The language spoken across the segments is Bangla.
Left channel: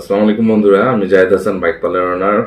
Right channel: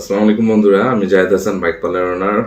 আসসালামু আলাইকুম বন্ধুরা, আমি Zayed Hasan, bike parlour owner.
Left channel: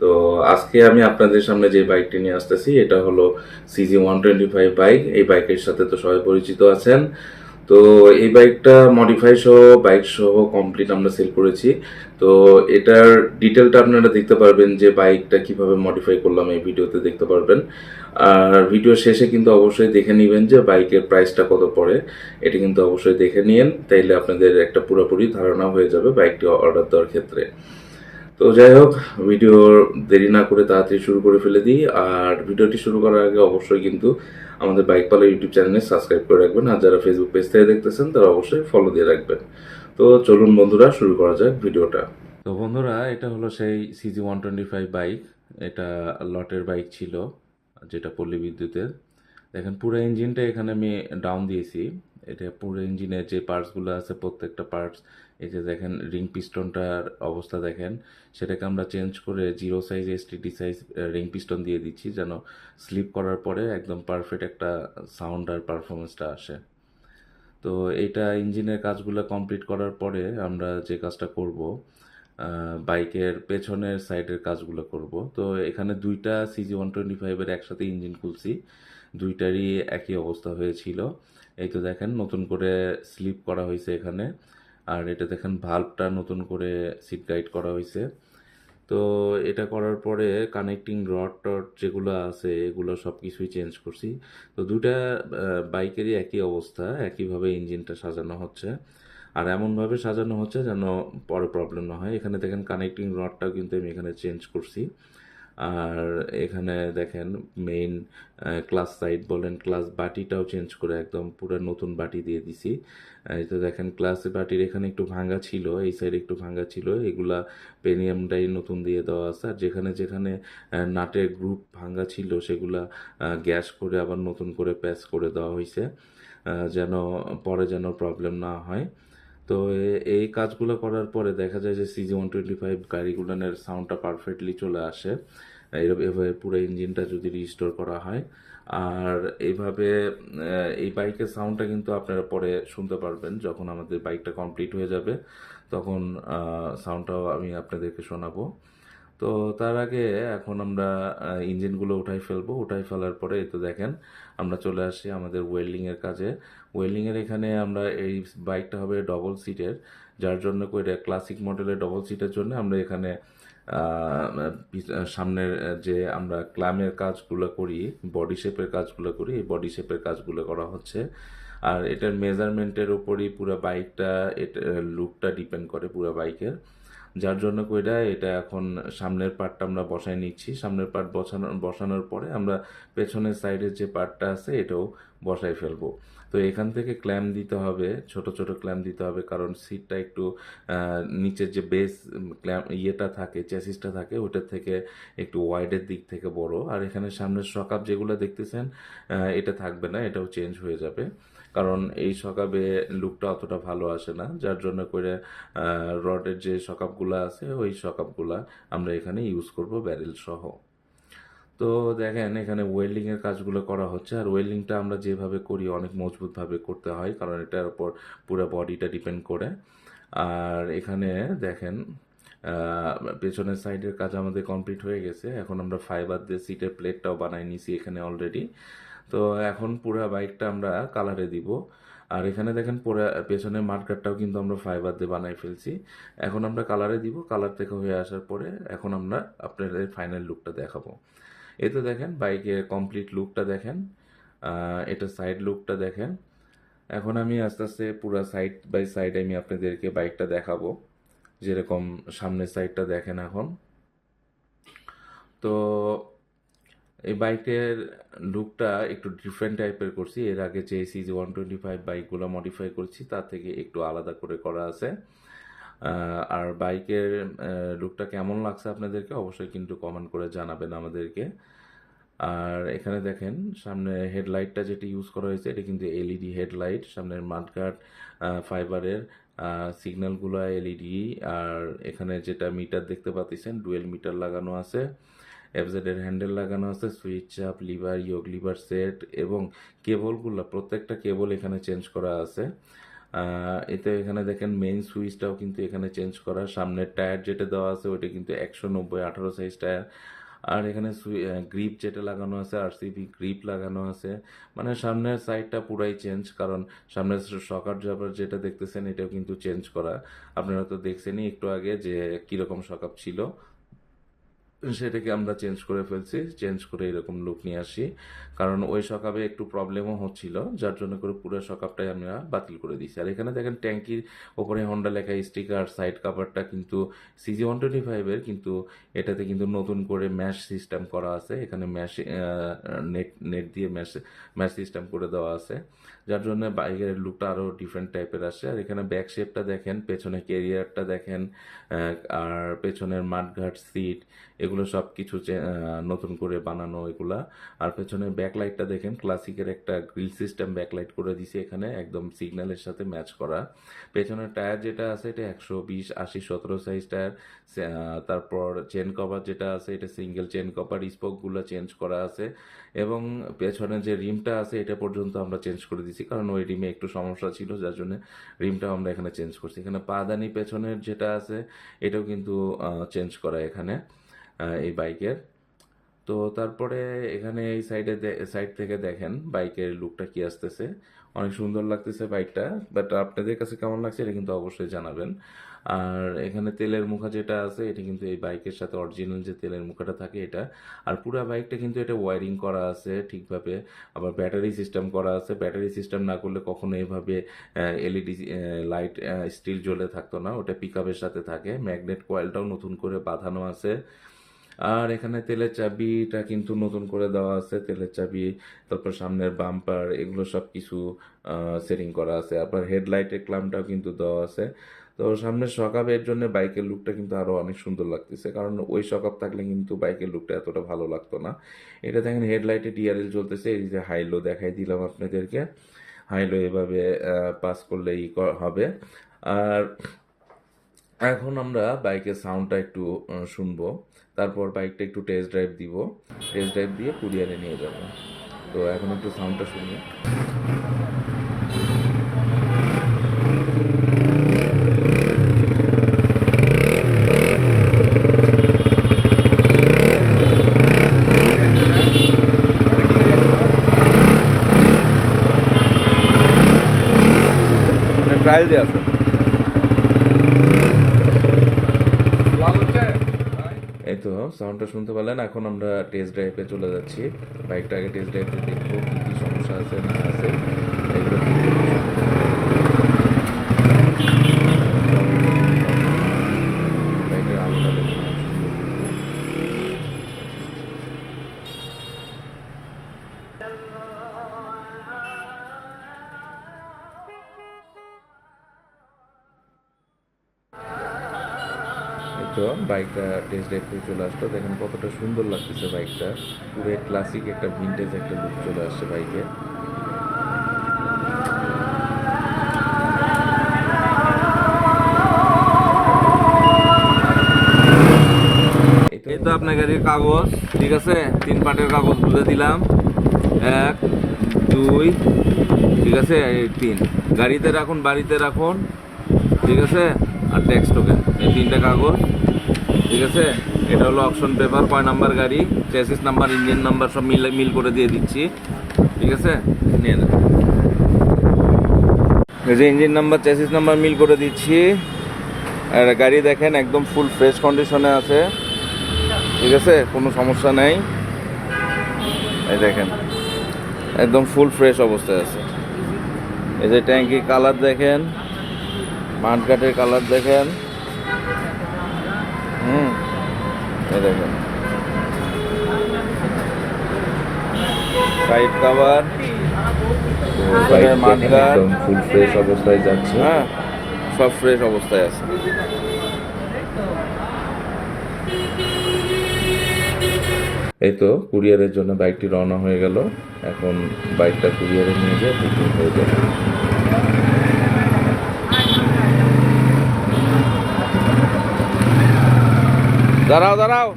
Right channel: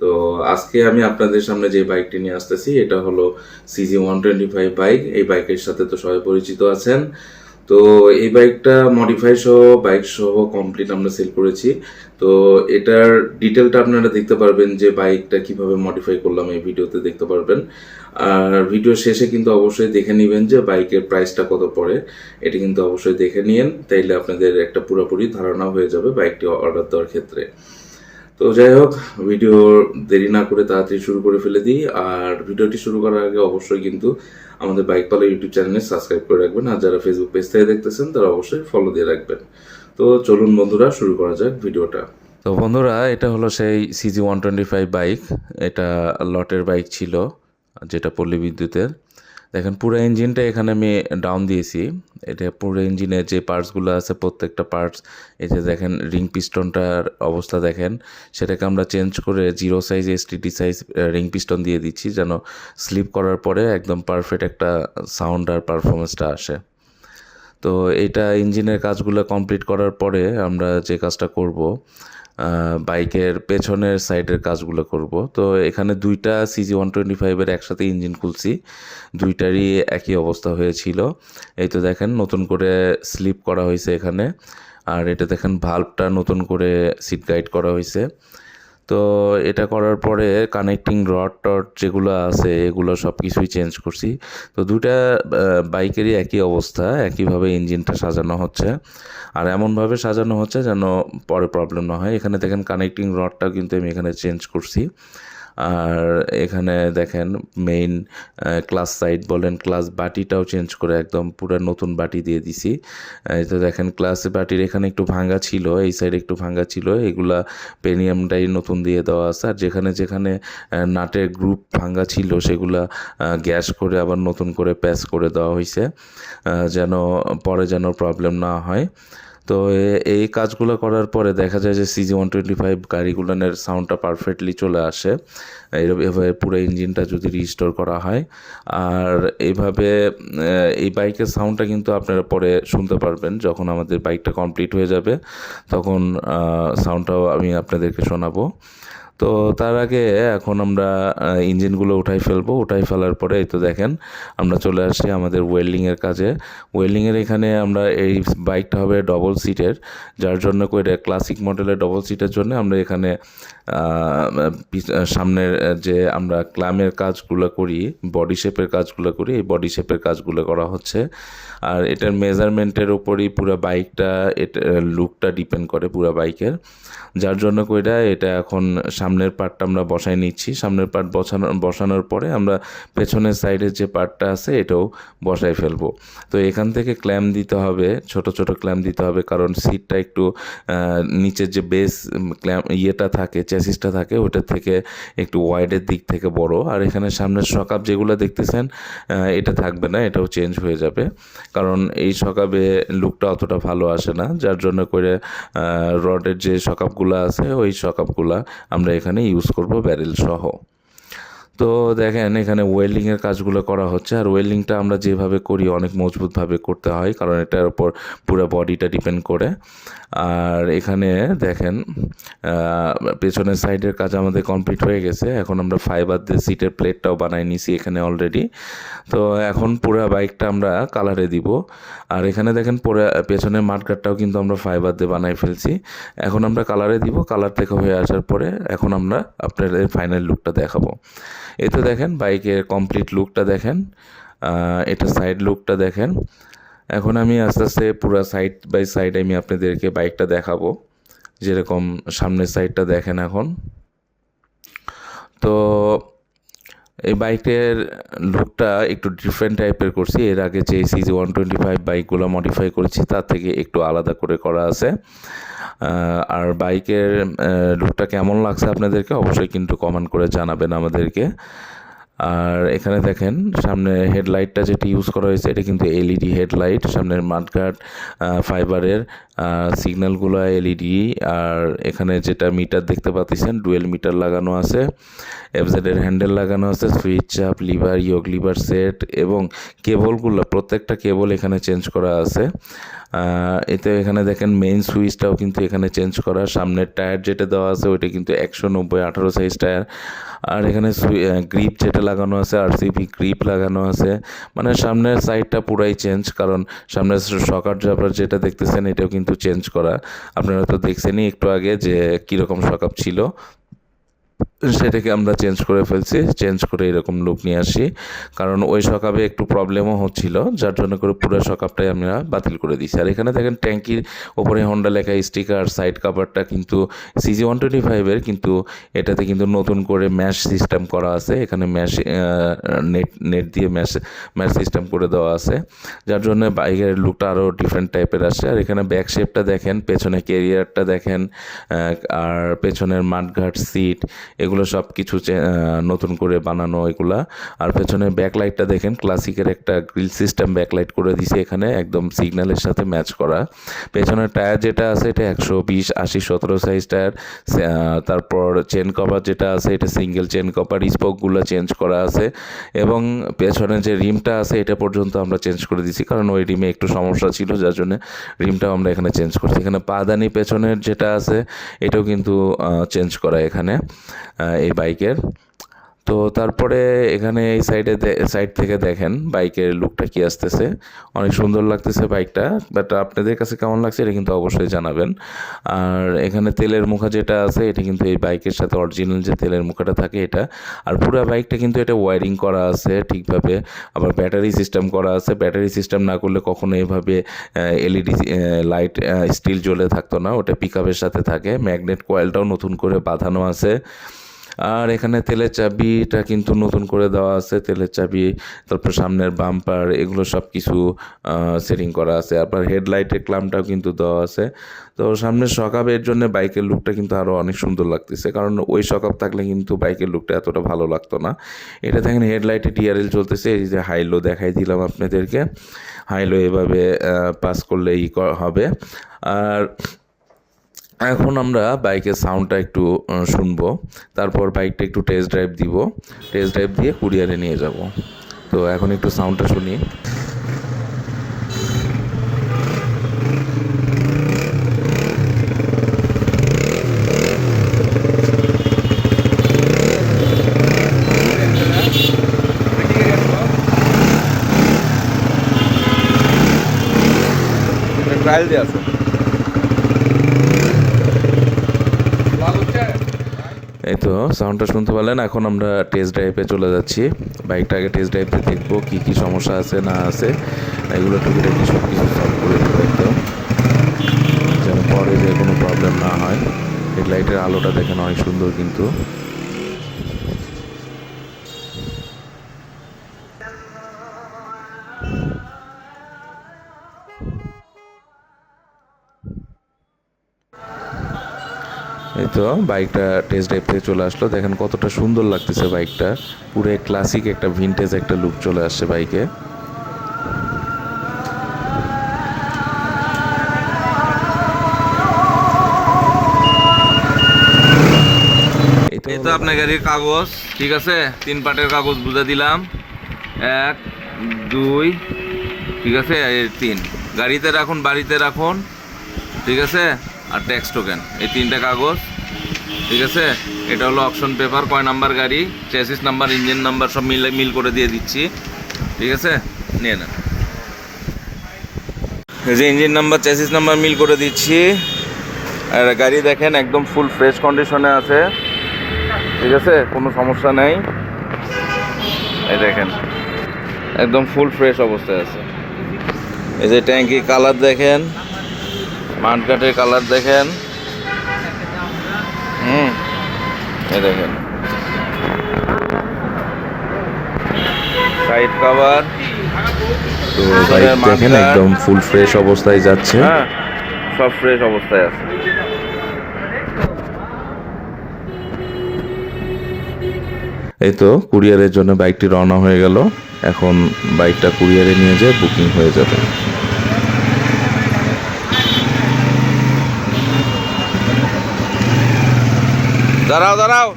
তো আজকে আমি আপনাদের সামনে যে বাইকটি নিয়ে আসতেছি, এটা হলো CG one twenty five bike এই বাইকের সাথে তো সবাই পরিচিত আছেন। তো এই বাইকটা মডিফাই সহ বাইক সহ কমপ্লিট আমরা সেল করেছি। তো এটার ডিটেলটা আপনারা দেখতে পারবেন যে বাইকটা কীভাবে মডিফাই করলাম এই ভিডিওতে দেখতে পারবেন। আর ভিডিও শেষে কিন্তু অবশ্যই দেখে নেবেন যে বাইকের প্রাইসটা কত পড়ে। এটা কিন্তু অবশ্যই দেখে নিন তাইলে আপনাদের একটা পুরোপুরি ধারণা হয়ে যাবে বাইকটি অর্ডার দেওয়ার ক্ষেত্রে। তো যাই হোক ভিডিও দেরি না করে তাড়াতাড়ি শুরু করে ফেলে দিই। আর ভিডিওটি শুরু করার আগে অবশ্যই কিন্তু আমাদের বাইক পালা ইউটিউব চ্যানেলে সাবস্ক্রাইব করে রাখবেন। আর যারা ফেসবুক পেজ থেকে দেখতেছেন, তারা অবশ্যই ফলো দিয়ে রাখবেন। তো চলুন বন্ধুরা, শুরু করা যাক ভিডিওটা তো বন্ধুরা, এটা হলো সেই CG one twenty five bike এটা লটের বাইক ছিল, যেটা পল্লী বিদ্যুতের। দেখেন, পুরো ইঞ্জিনটা এখানে আমি ডাউন দিয়েছি। এটা পুরো ইঞ্জিনের যে পার্টসগুলো আছে, প্রত্যেকটা পার্টস এই যে দেখেন রিং পিস্টনটার অবস্থা দেখেন, সেটাকে আমরা চেঞ্জ করে zero size STD size ring piston দিয়ে দিচ্ছি, যেন স্লিপ করার পরে একদম পারফেক্ট একটা সাউন্ড আর পারফরমেন্সটা আসে। তো এটা ইঞ্জিনের কাজগুলো কমপ্লিট করার পরে আমরা যে কাজটা করব বাইকের পেছনের সাইডের কাজগুলো করব। তো এখানে দুইটা সিজি ওয়ান টোয়েন্টি ফাইভের একসাথে ইঞ্জিন খুলছি। দুইটারই একই অবস্থা হয়েছিল। এই তো দেখেন, নতুন করে স্লিপ করা হয়েছে এখানে। আর এটা দেখেন ভাল্বটা নতুন করে সিট গাইড করা হয়েছে। তো এটা করার পরে কানেক্টিং রড টড যেগুলো আছে, এগুলো সব কিছুই চেঞ্জ করছি। তো দুটা বাইকেরই একই অবস্থা, একইভাবে ইঞ্জিনটা সাজানো হচ্ছে। আর এমনভাবে সাজানো হচ্ছে যেন পরে প্রবলেম না হয়। এখানে দেখেন কানেক্টিং রডটাও কিন্তু আমি এখানে চেঞ্জ করছি। আর এখানে দেখেন মেইন ক্লাস সাইড বলেন ক্লাস বাটিটাও চেঞ্জ করে একদম পুরো নতুন বাটি দিয়ে দিছি। তো দেখেন ক্লাস বাটির এখানে একটু ভাঙ্গা ছিল, এই সাইডে একটু ভাঙ্গা ছিল, এগুলা পেনিয়ামটাই নতুন দিয়ে দেওয়া আছে। আর যেখানে যেখানে নাটের গ্রুপ ভাঙ্গা ছিল, সেগুলা গ্যাস করে আবার নতুন করে প্যাচ করে দেওয়া হয়েছে যেন পরে যেন প্রবলেম না হয়। তো এই কাজগুলো করার পরে দেখা যায় যে সিজি ওয়ান টোয়েন্টি ফাইভ গাড়িগুলোনের সাউন্ডটা পারফেক্টলি চলে আসে। এভাবে পুরো ইঞ্জিনটা যদি রিস্টোর করা হয়। আর এইভাবে এই বাইকের সাউন্ডটা কিন্তু আপনারা পরে শুনতে পারবেন যখন আমাদের বাইকটা কমপ্লিট হয়ে যাবে। তখন সাউন্ডটাও আমি আপনাদেরকে শোনাবো। তো তার আগে এখন আমরা ইঞ্জিনগুলো উঠাই ফেলব। উঠাই ফেলার পরে, এই তো দেখেন, আমরা চলে আসছি আমাদের ওয়েল্ডিংয়ের কাজে। ওয়েল্ডিংয়ের এখানে আমরা এই বাইকটা হবে ডবল সিটের যার জন্য করে ক্লাসিক মডেলের ডবল সিটের জন্য আমরা এখানে সামনের যে আমরা ক্লামের কাজগুলো করি বডি শেপের কাজগুলো করি, এই বডি শেপের কাজগুলো করা হচ্ছে। আর এটার মেজারমেন্টের ওপরই পুরো বাইকটা এটা লুকটা ডিপেন্ড করে পুরো বাইকের যার জন্য কইরা এটা এখন সামনের পার্টটা আমরা বসাই নিচ্ছি। সামনের পার্ট বসানো, বসানোর পরে আমরা পেছনের সাইডের যে পার্টটা আছে, এটাও বসাই ফেলব। তো এখান থেকে ক্ল্যাম দিতে হবে, ছোট ছোট ক্ল্যাম দিতে হবে, কারণ সিটটা একটু নিচের যে বেস ক্ল্যাম ইয়েটা থাকে চ্যাসিসটা থাকে ওটার থেকে একটু ওয়াইডের দিক থেকে বড়। আর এখানে সামনের সকাপ যেগুলো দেখতেছেন এটা থাকবে না, এটাও চেঞ্জ হয়ে যাবে। কারণ এই সকাপে লুকটা অতটা ভালো আসে না, যার জন্য করে রডের যে সকাপগুলো আছে, ওই সকাপগুলো আমরা এখানে ইউজ করব ব্যারেল সহ। তো দেখেন, এখানে ওয়েল্ডিংয়ের কাজগুলো করা হচ্ছে। আর ওয়েল্ডিংটা আমরা যেভাবে করি, অনেক মজবুতভাবে করতে হয়, কারণ এটার উপর পুরো বডিটা ডিপেন্ড করে। আর এখানে দেখেন পেছনের সাইডের কাজ আমাদের কমপ্লিট হয়ে গেছে। এখন আমরা ফাইবার দিয়ে সিটের প্লেটটাও বানাই নিছি এখানে অলরেডি তো এখন পুরো বাইকটা আমরা কালারে দিব। আর এখানে দেখেন, পুরো, পেছনের মাঠগাটটাও কিন্তু আমরা ফাইবার দিয়ে বানাই ফেলছি। এখন আমরা কালারে দিব। কালার থেকে হয়ে আসার পরে এখন আমরা আপনাদের ফাইনাল লুকটা দেখাবো। এই তো দেখেন, বাইকের কমপ্লিট লুকটা দেখেন এটা সাইড লুকটা দেখেন। এখন আমি আস্তে আস্তে পুরো সাইড বাই সাইড আমি আপনাদেরকে বাইকটা দেখাবো, যেরকম সামনের সাইডটা দেখেন এখন। তো এই বাইকের লুকটা একটু ডিফারেন্ট টাইপের করছি। এর আগে যে সিজি ওয়ান টোয়েন্টি ফাইভ বাইকগুলো মডিফাই করেছি, তার থেকে একটু আলাদা করে করা আছে। আর বাইকের লুকটা কেমন লাগছে আপনাদেরকে অবশ্যই কিন্তু কমেন্ট করে জানাবেন আমাদেরকে। আর এখানে দেখেন, সামনে হেডলাইটটা যেটি ইউজ করা হয়েছে, এটা কিন্তু এলইডি হেডলাইট। সামনের মাঠঘাট ফাইবারের সিগন্যালগুলো এলইডি আর এখানে যেটা মিটার দেখতে পাচ্ছেন ডুয়েল মিটার লাগানো আছে এফজেড এর হ্যান্ডেল লাগানো আছে সুইচ চাপ লিভার ইয়োগ লিভার সেট এবং কেবলগুলো প্রত্যেকটা কেবল এখানে চেঞ্জ করা আছে। এতে এখানে দেখেন মেইন সুইচটাও কিন্তু এখানে চেঞ্জ করা। সামনের টায়ার যেটা দেওয়া আছে, ওইটা কিন্তু একশো নব্বই আঠারো সাইজ টায়ার আর এখানে গ্রিপ যেটা লাগানো আছে আর সিপি গ্রিপ লাগানো আছে। মানে সামনের সাইডটা পুরাই চেঞ্জ কারণ সামনের সকার জাপার যেটা দেখতেছেন, এটাও কিন্তু চেঞ্জ করা। আপনারা তো দেখছেনই একটু আগে যে কীরকম সকাপ ছিল। সেটাকে আমরা চেঞ্জ করে ফেলছি চেঞ্জ করে এরকম লুক নিয়ে আসি। কারণ ওই সকাপে একটু প্রবলেমও হচ্ছিল, যার জন্য করে পুরো সকাপটাই আমরা বাতিল করে দিচ্ছি আর এখানে দেখেন ট্যাঙ্কির ওপরে হন্ডা লেখা স্টিকার সাইড কাভারটা কিন্তু সিজি ওয়ান টোয়েন্টি ফাইভের কিন্তু এটাতে কিন্তু নতুন করে ম্যাশ সিস্টেম করা আছে। এখানে ম্যাশ নেট নেট দিয়ে ম্যাশ ম্যাশ সিস্টেম করে দেওয়া আছে। যার জন্য বাইকের লুকটা আরও ডিফারেন্ট টাইপের আসে আর এখানে ব্যাক শেপটা দেখেন, পেছনে কেরিয়ারটা দেখেন আর পেছনের মাঠঘাট সিট এগুলো সব কিছু নতুন করে বানানো এগুলা। আর পেছনের ব্যাকলাইটটা দেখেন, ক্লাসিকের একটা গ্রিল সিস্টেম ব্যাকলাইট করে দিছে এখানে, একদম সিগন্যালের সাথে ম্যাচ করা। পেছনের টায়ার যেটা আছে, এটা একশো বিশ, আশি, সতেরো সাইজ টায়ার। তারপর চেন কভার যেটা আছে, এটা সিঙ্গেল চেন কভার স্পোকগুলো চেঞ্জ করা আছে। এবং পেছনে যে রিমটা আছে, এটা পর্যন্ত আমরা চেঞ্জ করে দিছি, কারণ ওই রিমে একটু সমস্যা ছিল, যার জন্য রিমটাও আমরা এখানে চেঞ্জ করছি। এখানে পাদানি পেছনের যেটা আছে, এটাও কিন্তু চেঞ্জ করা এখানে। এই বাইকের। তো তারপরে এখানে এই সাইডে সাইড থেকে দেখেন বাইকের লুকটা কি আসতেছে। অনেক সুন্দর লাগতেছে বাইকটা বাট আপনাদের কাছে কেমন লাগছে এটা কিন্তু অবশ্যই জানাবেন। আর এখানে তেলের মুখা যেটা আছে, এটা কিন্তু এই বাইকের সাথে অরিজিনাল যে তেলের মুখাটা থাকে এটা। আর পুরো বাইকটা কিন্তু এটা ওয়ারিং করা আছে ঠিকভাবে। আবার ব্যাটারি সিস্টেম করা আছে। ব্যাটারি সিস্টেম না করলে কখনো এভাবে এলইডি লাইট স্টিল জ্বলে থাকতো না। ওটা পিক সাথে থাকে। ম্যাগনেট কয়েলটাও নতুন করে বাঁধানো আছে। আর এখানে তেলের চাবিটা কিন্তু নতুন করে দেওয়া আছে, তেলের চাবি, তারপর সামনের বাম্পার, এগুলো সব কিছু সেটিং করা আছে। আবার হেডলাইটের ক্লামটাও কিন্তু দেওয়া আছে। তো সামনের সকাপের জন্য বাইকের লুকটা কিন্তু আরও অনেক সুন্দর লাগতেছে। কারণ ওই সকাপ থাকলে কিন্তু বাইকের লুকটা এতটা ভালো লাগতো না। এটা দেখেন, হেডলাইটে ডিআরএল চলতেছে। এই যে হাইলো দেখাই দিলাম আপনাদেরকে। হাইলো এভাবে পাস করলে ই হবে। আর এখন আমরা বাইকের সাউন্ডটা একটু শুনব। তারপর বাইকটা একটু টেস্ট ড্রাইভ দিব। টেস্ট ড্রাইভ দিয়ে কুরিয়ারে নিয়ে যাব। তো এখন একটু সাউন্ডটা শুনি। ট্রায়াল দিয়ে আসো এই তো সাউন্ডটা শুনতে পারলেন, এখন আমরা টেস্ট ড্রাইভে চলে যাচ্ছি। বাইকটা আগে টেস্ট ড্রাইভে দেখব কী কী সমস্যা আছে, না আছে। এগুলো সব কিছু পরে যে কোনো প্রবলেম না হয়। হেডলাইটের আলোটা দেখেন, অনেক সুন্দর কিন্তু। এই তো, বাইকটা টেস্ট ড্রাইভ থেকে চলে আসলো। দেখেন কতটা সুন্দর লাগতেছে বাইকটা। পুরো ক্লাসিক একটা ভিনটেজ একটা লুক চলে আসছে বাইকে। এই তো। আপনার গাড়ির কাগজ, ঠিক আছে? তিন পাটের কাগজ বুঝে দিলাম। এক, দুই, ঠিক আছে? তিন। গাড়িতে রাখুন, বাড়িতে রাখুন, ঠিক আছে? আর ট্যাক্স টোকেন এই তিনটে কাগজ, ঠিক আছে? এটা হলো অপশন পেপার কয় নাম্বার গাড়ি? চেসিস নাম্বার ইঞ্জিন নাম্বার সব মিল মিল করে দিয়ে দিচ্ছি। ঠিক আছে? নিয়ে নেন। যে ইঞ্জিন নাম্বার চেসিস নাম্বার মিল করে দিচ্ছি। আর গাড়ি দেখেন, একদম ফুল ফ্রেশ কন্ডিশনে আছে। ঠিক আছে? কোনো সমস্যা নেই। এই দেখেন, একদম ফুল ফ্রেশ অবস্থায় আছে। এই যে ট্যাঙ্কি কালার দেখেন। মাঠঘাটের কালার দেখেন। হুম এই দেখেন। Side cover. তো বাইক দেখেন একদম ফুল ফ্রেশ অবস্থায় যাচ্ছে। হ্যাঁ সব ফ্রেশ অবস্থায় আছে। এই তো কুরিয়ারের জন্য বাইকটি রওনা হয়ে গেল। এখন বাইকটা কুরিয়ারে নিয়ে যেয়ে বুকিং হয়ে যাবে। দাঁড়াও দাঁড়াও।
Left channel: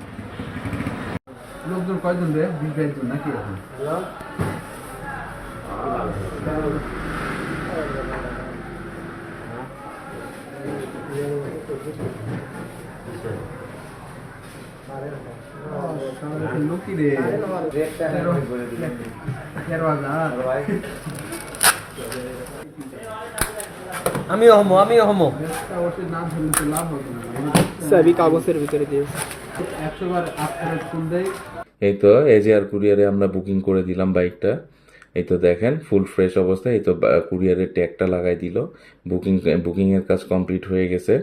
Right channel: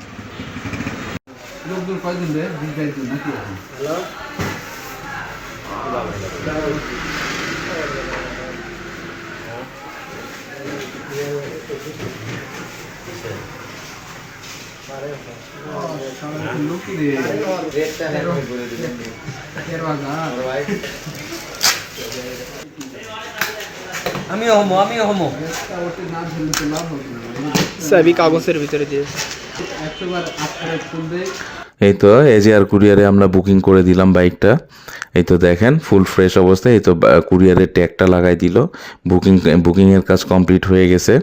লোকজন কয়জন রে বিশ বাইশ জন নাকি এখন লোকি রে তেরো হাজার হমো আমি হমো। সবই কাগজের ভিতরে দিয়েছে এই তো এজিআর কুরিয়ারে আমরা বুকিং করে দিলাম বাইকটা। এই তো দেখেন ফুল ফ্রেশ অবস্থায়। এই তো কুরিয়ারের ট্যাগটা লাগাই দিল। বুকিং বুকিংয়ের কাজ কমপ্লিট হয়ে গেছে।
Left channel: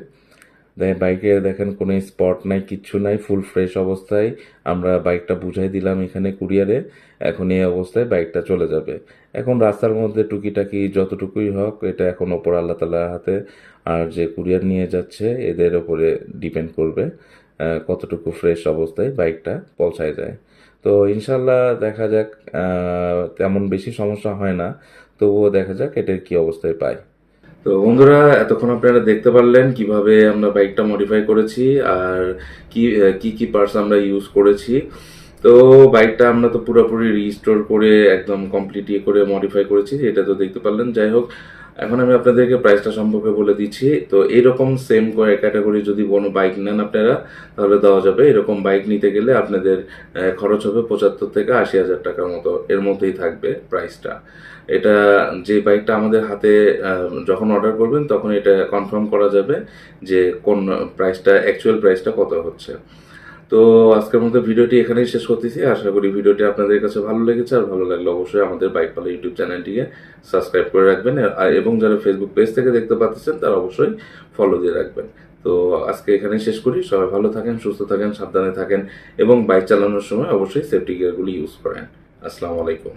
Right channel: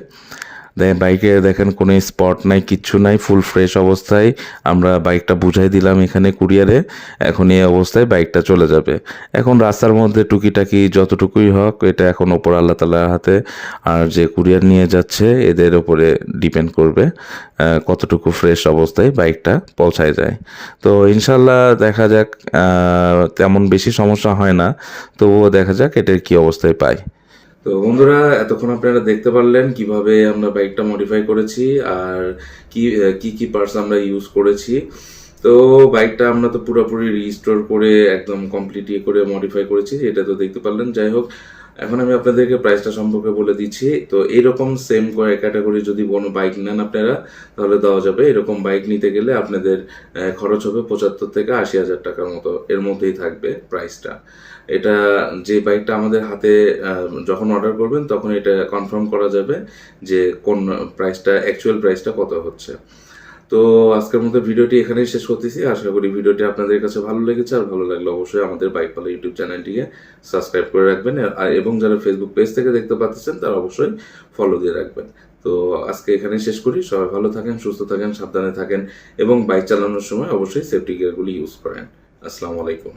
দে- বাইকে দেখেন কোনো স্পট নাই, কিচ্ছু নাই ফুল ফ্রেশ অবস্থায়। আমরা বাইকটা বুঝাই দিলাম এখানে কুরিয়ারে। এখন এই অবস্থায় বাইকটা চলে যাবে। এখন রাস্তার মধ্যে টুকিটাকি যতটুকুই হোক, এটা এখন ওপর আল্লাহ তালার হাতে। আর যে কুরিয়ার নিয়ে যাচ্ছে, এদের ওপরে ডিপেন্ড করবে কতটুকু ফ্রেশ অবস্থায় বাইকটা পৌঁছায় যায়। তো ইনশাল্লাহ দেখা যাক তেমন বেশি সমস্যা হয় না। তবুও দেখা যাক এটার কি অবস্থায় পাই তো বন্ধুরা, এতক্ষণ আপনারা দেখতে পারলেন কীভাবে আমরা বাইকটা মডিফাই করেছি আর কি কি কি পার্টস আমরা ইউজ করেছি। তো বাইকটা আমরা তো পুরোপুরি রিস্টোর করে, একদম কমপ্লিট ইয়ে করে মডিফাই করেছি, এটা তো দেখতে পারলেন। যাই হোক এখন আমি আপনাদেরকে প্রাইসটা সম্পর্কে বলে দিচ্ছি। তো এইরকম সেম কয়েক ক্যাটাগরি যদি কোনো বাইক নেন আপনারা, তাহলে দেওয়া যাবে। এরকম বাইক নিতে গেলে আপনাদের খরচ হবে পঁচাত্তর থেকে আশি হাজার টাকার মতো। এর মধ্যেই থাকবে প্রাইসটা এটা যে বাইকটা আমাদের হাতে যখন অর্ডার করবেন, তখন এটা কনফার্ম করা যাবে যে কোন প্রাইসটা অ্যাকচুয়াল প্রাইসটা কত হচ্ছে। তো আজকের মধ্যে ভিডিওটি এখানেই শেষ করতেছি। আশা করি ভিডিওটি আপনাদের কাছে ভালো লেগেছে, আর ভালো লাগলে অবশ্যই আমাদের বাইক পালা ইউটিউব চ্যানেলটিকে সাবস্ক্রাইব করে রাখবেন, আর এবং যারা ফেসবুক পেজ থেকে দেখতে পাচ্ছেন, তারা অবশ্যই ফলো দিয়ে রাখবেন। তো আজকে এখানেই শেষ করি। সবাই ভালো থাকেন, সুস্থ থাকেন, সাবধানে থাকেন, এবং বাইক চালানোর সময় অবশ্যই সেফটি গিয়ারগুলি ইউজ করেন। আসসালামু আলাইকুম।